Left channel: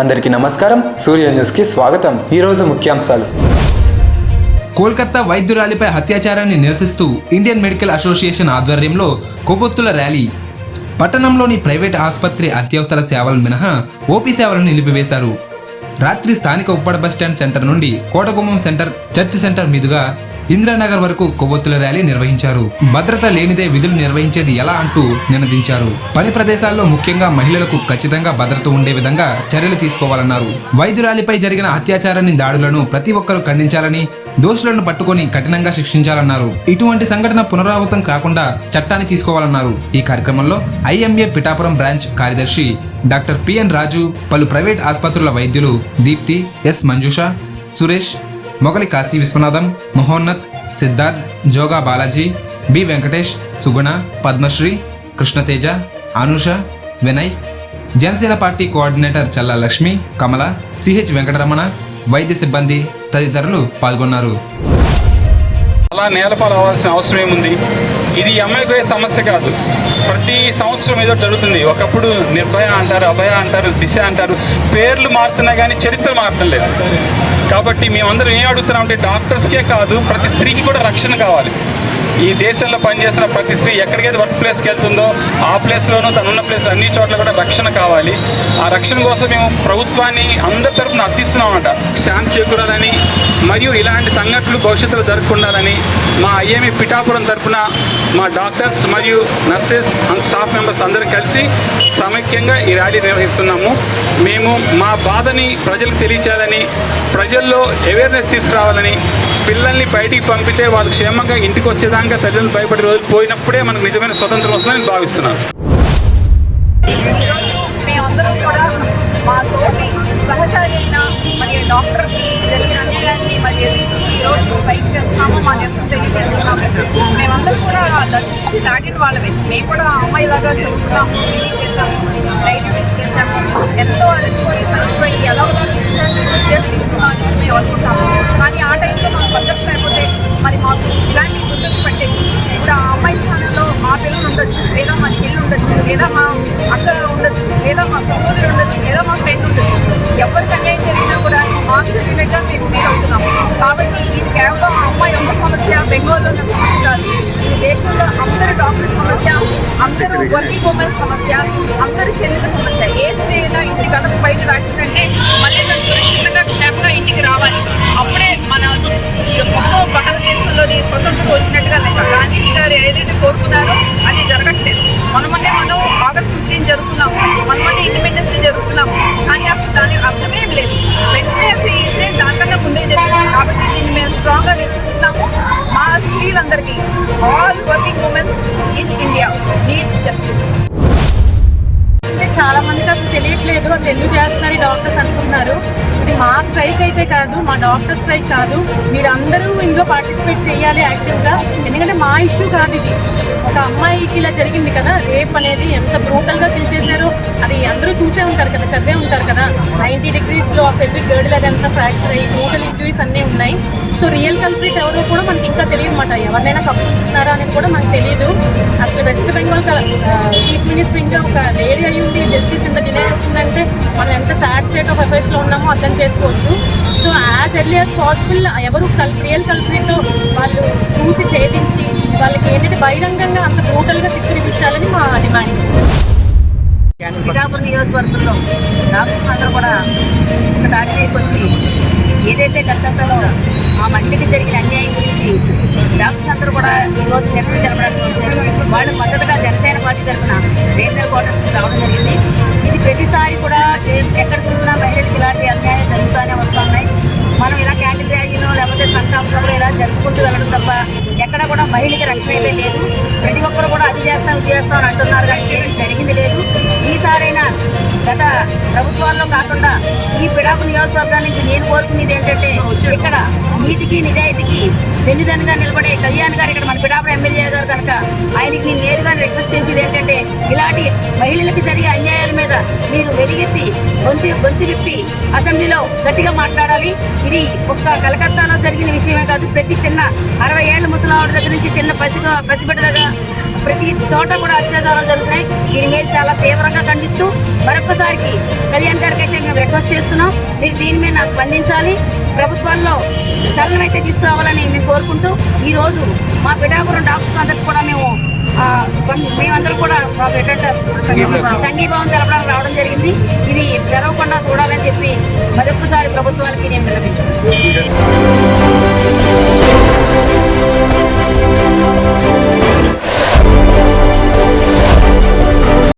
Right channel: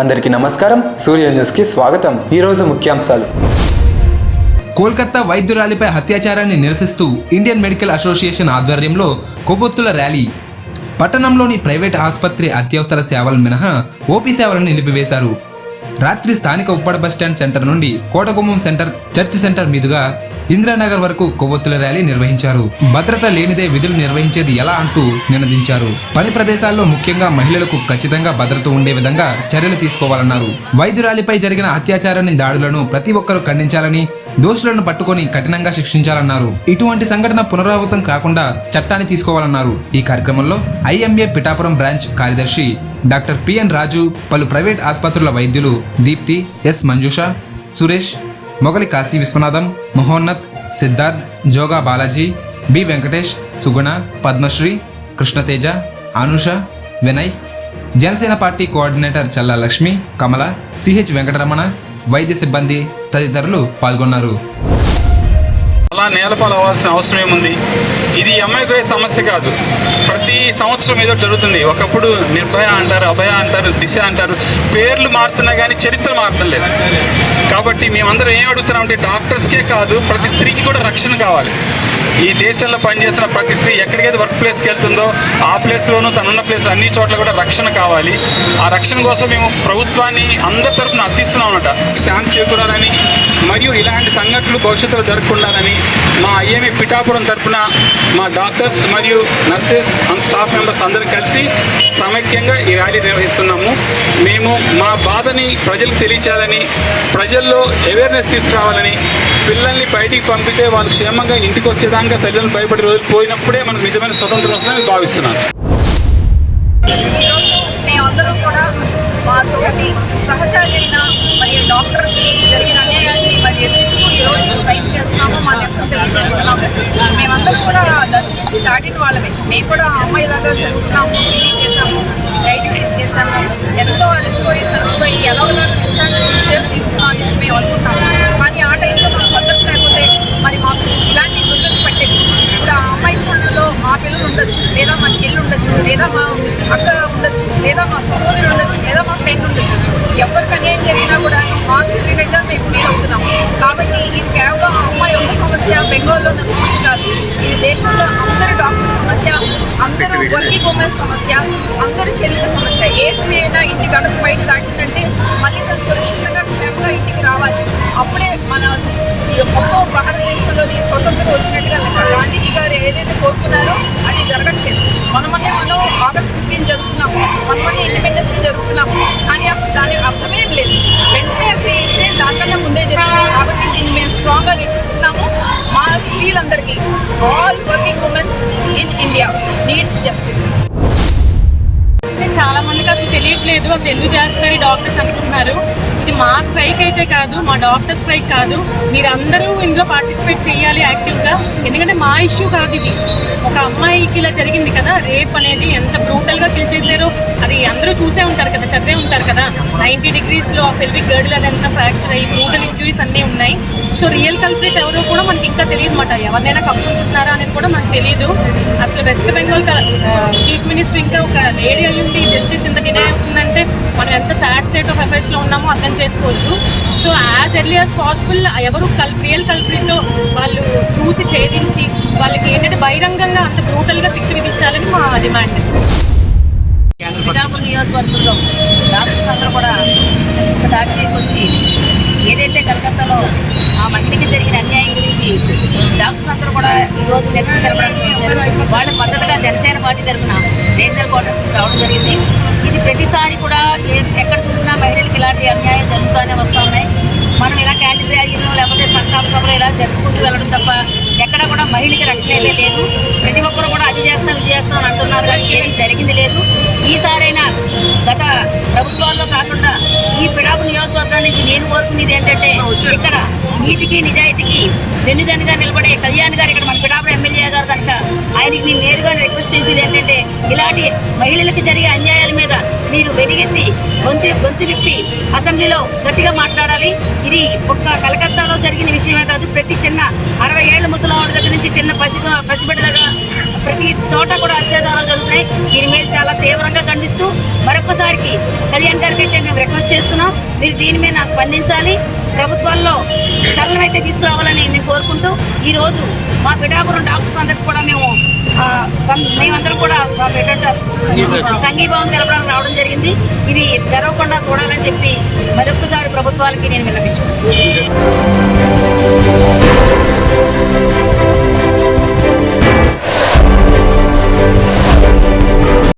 అందరికీ నమస్కారం. సూర్య న్యూస్కి స్వాగతం. ఈరోజు ముఖ్యాంశాలు. కోల్కతా వైద్యురాలిపై అత్యాచారాన్ని నిరసిస్తూ ఇండియన్ మెడికల్ అసోసియేషన్ ఆధ్వర్యంలో కొవ్వొత్తుల ర్యాలీ. పట్టణంలోని ప్రైవేట్ ఆసుపత్రి అత్యవసర సేవలు మినహా ఓపీ సేవలను నిలిపివేశారు. రాత్రి స్థానిక ఉప్పడ బస్టాండ్ సెంటర్ నుండి కోటగుమ్మం సెంటర్, చర్చ్ సెంటర్ మీదుగా ఇందిరానగర్ వరకు కొవ్వొత్తుల ర్యాలీ నిర్వహించారు. భద్రత లేనిదే విధులు నిర్వహించేది ఎలా అంటూ నినదించారు. పని ప్రదేశాల్లో ముఖ్యంగా మహిళలకు ఖచ్చితంగా భద్రత ఉండే విధంగా చర్యలు తీసుకోవాలన్నారు. వైద్యురాలిపై జరిగిన అత్యాచారాన్ని, దాడులను ప్రతి ఒక్కరూ ఖండించాలని, దోషులను పట్టుకొని కఠినంగా శిక్షించాలన్నారు. ఇటువంటి సంఘటన పునరావృతం కాకుండా చట్టాన్ని తీసుకోవాలన్నారు. ఈ కార్యక్రమంలో ఐఎంఏ పిఠాపురం బ్రాంచ్ కార్యదర్శి డాక్టర్ పిఎన్ రాజు, పలు ప్రైవేట్ ఆసుపత్రుల వైద్యులు దీప్తి, ఎస్ మంజుష, సురేష్, మొగలి కాశీ విశ్వనాథం, మహోన్నత్, సిద్ధార్థ్, జోగా బాలాజీ, బి వెంకటేష్, సుగుణ, పద్మశ్రీ, కృష్ణతేజ, అనుష, వినయ్, జనసేన పార్టీ కోఆర్డినేటర్ చల్లా లక్ష్మి, కమల, సిహెచ్ వెంకటరమణ, వైద్య సిబ్బంది తదితరులు పాల్గొన్నారు. అలా నేలపాలు అవ్వాల్సిన అవసరం ఏముంది? ఇది అమ్మాయికి సమస్య కాదు, ప్రతి సంవత్సరం ఏదో జరుగుతుంది. ఒకప్పుడు నిర్భయ అంటారు, అభయ అంటారు, దిశ అంటారు, పేర్లు మారుతున్నా కానీ చరిత్ర మారటం లేదు. కాబట్టి మేమందరం ఏం అడుగుతున్నామంటే డాక్టర్స్కే కాదు, ప్రతి స్త్రీకి కూడా రక్షణ కావాలి. ఈ దేశంలో పనిచేసిన ప్రతి స్త్రీ ఎక్కడికైతే వర్క్ ప్లేస్కి వెళ్తుందో ఆ ప్లేస్లోనూ తనున్న ప్లేస్లో అన్ని చోట్ల కూడా రక్షణ కావాలి. ఆ రక్షణ కోసం మేము ప్రభుత్వాన్ని అందరి తరఫున అర్థిస్తున్నాం అన్నమాట. శాంతి చేకూరాలని మరియు ఇలాంటి సంఘటనలు భవిష్యత్తులో జరగకుండాలని మా ఐఎంఏ పిఠాపురం తరఫున మా డాక్టర్స్ మరియు నర్సెస్ అండ్ స్టాఫ్ మెంబర్స్ అందరం కలిసి సమైక్యంగా ఈ ర్యాలీ నిర్వహిస్తున్నాము. మేము మా బాధని ప్రజలకు తెలియచేయాలని, ప్రజల్లో అవేర్నెస్ తీసుకురావాలని, పిల్లల్ని బయటికి పంపితే వాళ్ళు క్షేమంగా ఇంటికి వచ్చేదాకా తల్లిదండ్రులు భయపడే రోజులు పోయినప్పుడే మనకు నిజమైన స్వతంత్రం వస్తుందని నేను భావిస్తున్నాను. ఈరోజు మేమందరం కూడా మా తోటి సహచరి అయిన మరియు డాక్టర్కి జరిగిన అన్యాయాన్ని మరి ఎదురిస్తూ ఈరోజు స్ట్రైక్ చేస్తున్నాము, మా నిరసన తెలియజేస్తున్నాము. మేమందరం కూడా దశ నుంచి దాటిన వాళ్ళమే. మేము కూడా అమ్మాయిలాగా చదువుకున్నాము, పీజీ చేసాము, డ్యూటీస్ చేసాము, ఎంతో అలసిపోయి సలసిపోయి ఎలాగోలాగా సేపు తీసుకున్నాం మేము అనుకుంటాము. కానీ ఆ టైంలో మాకు భద్రత లేకపోతే మరి మాకు ఇలాంటి దుర్గతి పట్టేది. ఇప్పుడు ఆ అమ్మాయి స్థానంలో మా పిల్లలు ఉండొచ్చు, లేదా మా చెల్లి ఉండొచ్చు, లేదా మా అక్క ఉండొచ్చు, లేదా మా సహోదరు ఉండొచ్చు, లేదా మా ఫ్రెండ్ ఉండొచ్చు. ఎవరికి అన్యాయం జరిగినా కూడా మాకు జరిగినట్టుగా మేము ఫీల్ అవుతున్నాము. కాబట్టి ఇది కేవలం ఆ అమ్మాయి యొక్క సమస్య, బెంగాల్లో ఉన్న సమస్య కాదు. ఇది దేశంలో అందరు డాక్టర్ సమస్య, అందరూ వర్కింగ్ ఉమెన్ సమస్య, అందరు చెల్లెల సమస్య. ఏ స్త్రీ అయినా ఇంటి గడప బయట దాటిందంటే మళ్ళీ తను సురక్షితంగా క్షేమంగా ఇంటికి రావాలి. అప్పుడే మన ఈ గొప్ప భారతదేశంలోని స్వతంత్రం వచ్చినట్టుగా లెక్క. గాంధీజీ గారు ఏదైతే కోరుకున్నారో అది జరగట్లేదు. మనం ఆగస్ట్ 15 జరుపుకున్నాము, మనమనే ఇండిపెండెన్స్ డే జరుపుకున్నాము. కానీ అసలు దాని అర్థమేం లేదు. వెంటనే అసలు ఈ ఇన్సిడెంట్ దానికన్నా ముందే జరిగింది. కాబట్టి దీన్ని మేము స్ట్రాంగ్గా నిరసిస్తున్నాము. మా స్త్రీలందరికీ, all working womens in India needs justice. అంటే చాలా మందికి అసలు తెలియట్లేదు, అసలు ఎందుకు చేస్తున్నారు డాక్టర్స్ అనుకుంటున్నారు. ఇది మా స్ట్రైక్ అయితే కాదు, మా డాక్టర్ స్ట్రైక్ కాదు. మీరందరూ ఇందులో పార్టిసిపేట్ చేయాలి యాక్టివ్గా. ఎందుకంటే మా ఇష్యూ కాదు ఇది. ఒక అమ్మాయికి ఇలా జరిగింది కదా, రేప్ అనేది ఎంత బ్రూటల్గా కిల్ చేశారో అది అందరూ చూసే ఉంటారు కదా, చదివే ఉంటారు కదా. 90 degreesలో ఆ పెల్విక్ గర్డిల్ అదంతా ఫ్రాక్చర్ అయ్యి బ్రూటల్ ఇంజురీస్ అన్నీ ఉన్నాయి. సో రియల్ కల్ప్రిట్ ఎవరో కూడా మనకి ఇంకా తెలియదు అన్నమాట. ఎవరినైనా కప్పుకుంటున్నారా అనేది కూడా మనకు తెలియదు. అసలు వెస్ట్ బెంగాల్ చీఫ్ మినిస్టర్ ఇంకా ఒక లేడీ అయ్యి ఉండి జస్టిస్ ఇంత డినై అవుతుందంటే మనం ఎంత సాడ్ స్టేట్ ఆఫ్ అఫైర్స్లో ఉన్నామో అర్థం చేసుకోవచ్చు. So as early as possible ఎవరు రియల్ కల్ప్రిట్ వాళ్ళు చూసి ఛేదించి వాళ్ళకి ఏంటంటే బహిరంగంగా అంత బ్రూటల్గా శిక్ష విధించాలని మా డిమాండ్. పిఠాపురం నియోజకవర్గంలో డాక్టర్స్ అందరూ కూడా ఒక దాటి మీదకి వచ్చి ఏదైతే కలకత్తాలో ఆ మహిళకి జరిగిన అన్యాయం గురించి డాక్టర్స్ అందరూ కూడా ఈరోజు నిరసన తెలపడానికి వచ్చారు. వాళ్ళ మద్దతుగా జనసేన పార్టీ తరఫున నేషనల్ క్వార్టర్ నుంచి రావడం జరిగింది. ఇది ప్రతిసారి కూడా ఎక్కడ చూసినా మహిళలకు ఇలాంటి అన్యాయం జరుగుతూనే వస్తూ ఉన్నాయి. మనం ఇలా క్యాండిల్ ర్యాలీలు లేకపోతే సంతాప సభలు ఇలా జరుపుకుంటూ వెళ్ళడం తప్ప ఎక్కడ కూడా మహిళకి రక్షణ అయితే లేదు. ప్రతి ఒక్కరు కూడా అది చేస్తాం ఇది చేస్తాం అని అంటున్నారు, కానీ ఏది జరిగింది లేదు. ఈసారైనా గత ప్రభుత్వాల్లో కాకుండా ఈ పిఠాపురం నియోజకవర్గం నుంచి నేను కోరుకునేది ఏంటంటే ఇక్కడ నీతికి నిజాయితీకి వెన్నుదన్నుగా నిలబడే కళ్యాణ్ గారు ఇక్కడ మన పిఠాపురం ఎమ్మెల్యే గారు కనుక ఆయనకి నేను నేరుగా రిక్వెస్ట్ చేసేది ఏంటంటే ఇలాంటి మహిళలకు జరిగే అన్యాయాల మీద మీరు వెలిగెత్తి గొంతు విప్పి అసెంబ్లీలో గట్టిగా మాట్లాడాలి. ఇది ఒక్క కలకత్తాలో జరిగిన విషయమే కాదు, ప్రతి చిన్న 60 ఏళ్ల ముసలావిడ దగ్గర నుంచి చిన్న పసిబిడ్డ ప్రతి చోట కూడా అత్యాచారాలు జరుగుతున్నాయి. దీని మీద చాలా తీవ్రంగా ఖండిస్తూ మరొకసారికి కళ్యాణ్ గారికి అయితే మేము రిక్వెస్ట్ చేస్తున్నాం, మీరు దీని మీద స్పందించాలి, ప్రభుత్వాల్లో చలనం అయితే తీసుకురావాలని మేము కోరుకుంటూ ఈరోజు మా పిఠాపురం డాక్టర్స్ అందరికి కూడా మేమందరం కూడా సంఘీభావం తెలపడానికి రావడం జరిగింది. ఇవి జరగకుండా చూడాలని చెప్పి మరొకసారి ప్రభుత్వాలకి నేను విన్నపించుకుంటున్నాను.